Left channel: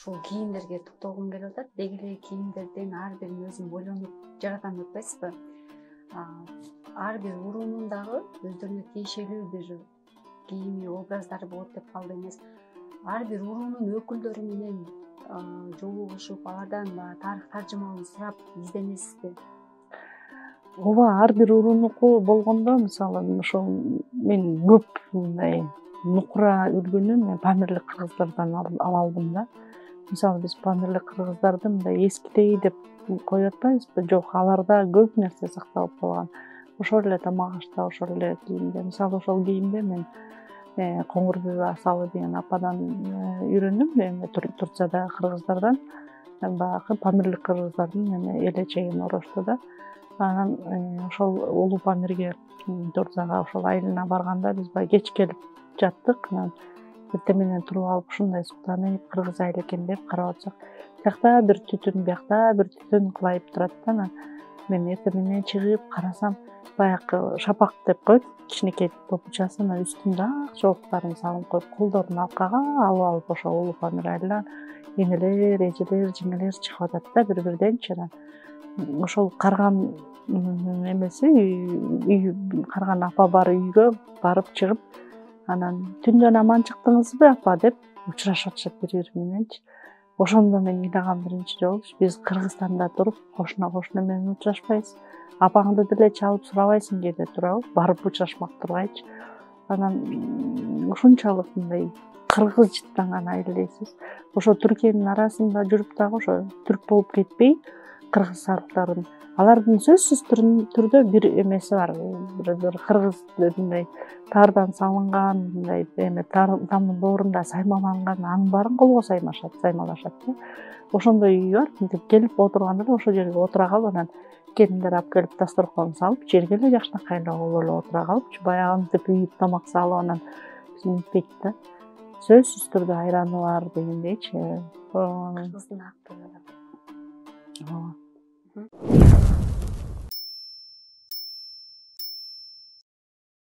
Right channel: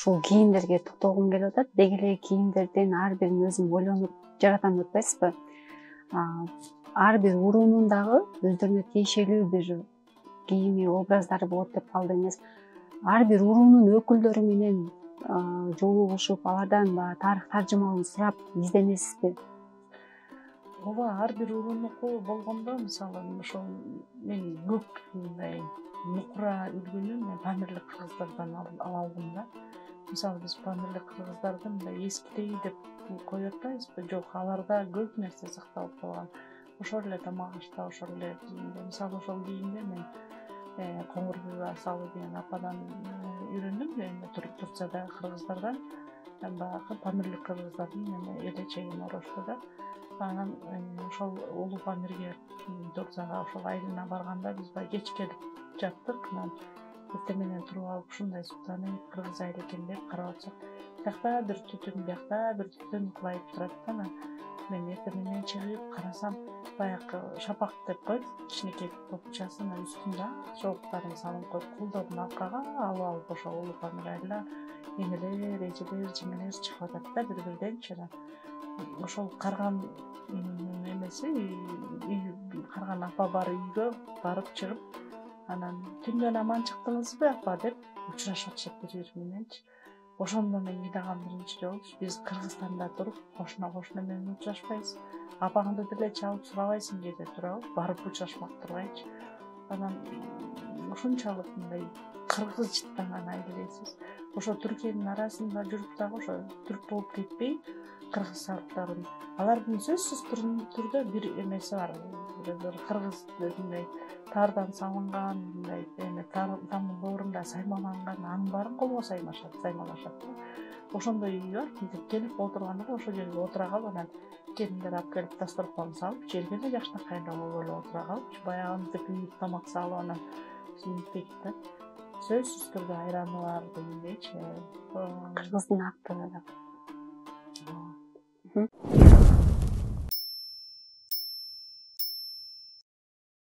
ушул кийимдерге токтогум келип атат. Деги эле кийимдердин ар бирин өзүм ойлонуп жаратам деп атпайсызбы? Ар бир уруунун дагы өздөрүнө тиешелүү бир кийими, образдары болот деп калды эмес. Ар бир уруунун өкүлдөрү менен жолугушуп, алардан тарых таржымалын сурап изденесизби? Ооба, ар бир уруунуку болгондо, мисалы, ошол мен көп мындай нукура үлгүнү мен Памирлик кыргыздардан ала алдым да. Мисалы, биз Памирлик кыргыздарды мындай эскидей деп коюп атпайбызбы? Жок, аларда көп нерсе сакталып калган. Ошол эле тамак ашта, ошол эле кийимде. Мисалы, ошол кийимди мен Коңгурбүбү Асалы деген ападан үйрөндүм. Эми Турцияда кыргыздардан, баягы Памирлик кыргыздардын элечегин орошту да. Анан ошол Улуу Памирге Турцияга ошол айылына барганда биз баягы кеч келип жаттык. Анан эртең менен туруп алып ушундай суктанып, кыргыз айыл экен деп карап атсак, биякта бир түтүн, биякта бир түтүн кылайып турат да. Анан мен эртең менен чыгып карасам, баягы шапак деп коет, кичинекей топучасы, анан үстүндө ак жоолуктарын салып коюп, колдорун аркага алып ошол Улуу Памир айылына энелер, эжелер, жеңелер чыгып атат да бири-бирденчи. Ошол карган эмеси, карган апа бар үйгө барып чыгып, анан түндөн аман чыктыңызбы апа деп учурашып атышат бири-бири мененчи. Ошондо мен ыйлагам биринчи жолу, биз Кыргызстанда туруп, кошуна менен учурашпайбыз. Апаңды деле чалып сурабайсың кээде туурабы? Барып учурашмак тургайчы. Анан ушунчалык мындай кыргыз жыттанган айыл дейсиз. Ошо Түркиянын арасында жүрүп дагы ошо түрк болуп кетпей, кыргызстандыктардын алардын сөзсүз түрдө бир эмеси бар. Бир кыргыз мындай тардан салынган, мындай тамдын доорунда саймаланган, анын баарын колго саймалашат да. Ошондой үй бар. Мынтип келип отурганда ошол жерге отура калып, анан келиндер алып келип дасторкон салып, жерге эле жакшынакай эле отура калып, баягы антип үйүп тамак салып, анан биз мынтпейт да. Сөзсүз түрдө айраны бар дегендейчи. Кыргыздын актылы. Ооба.